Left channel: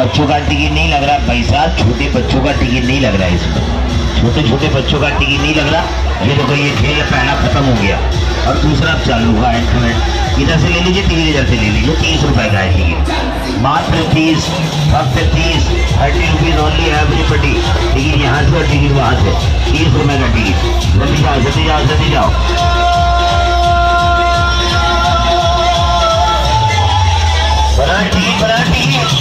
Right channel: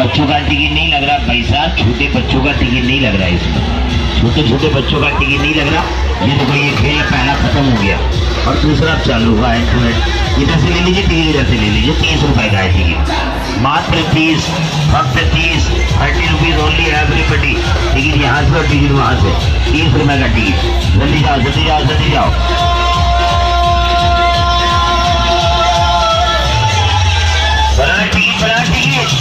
बच्चों का टिकट नहीं लग रहा भाई साहब, छोटे बच्चों का टिकट नहीं लग रहा है इसमें, छोटे छोटे बच्चों का टिकट नहीं लग रहा। ये देखो ये खेल पहला खत्म हो गया और दूसरा चालू हुआ है। इधर से ले लीजिए, टिकट इधर से ले लीजिए। 30 रुपए का है टिकट, मात्र 30, फक्त 30, 30 रुपीज ओनली एवरीबडी। टिकट यहाँ से और टिकट वहाँ से, 30 रुपए का टिकट। जल्दी जाओ जल्दी जाओ जल्दी जाओ। बड़ा टिकट बड़ा टिकट।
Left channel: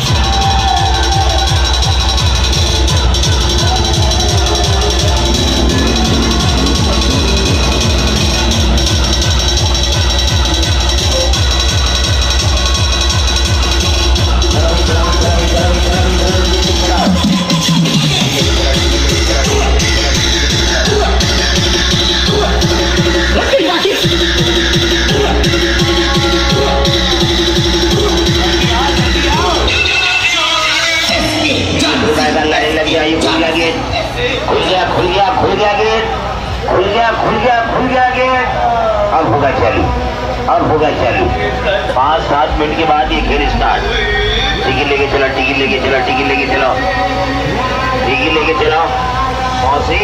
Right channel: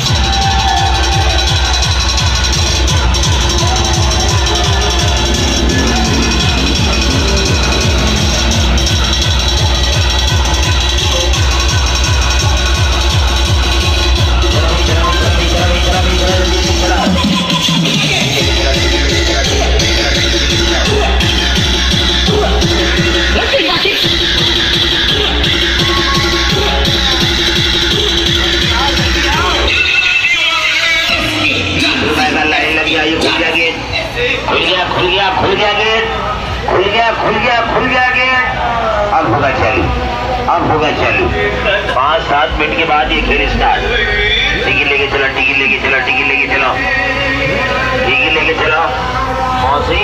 अब होगा चालू, अब होगा चालू। 5-7 मिनट के बाद ये खेल स्टार्ट। टिकट लेके चलो, टिकट लेके चलो, टिकट लेके चलो, टिकट लेके चलो। मौसी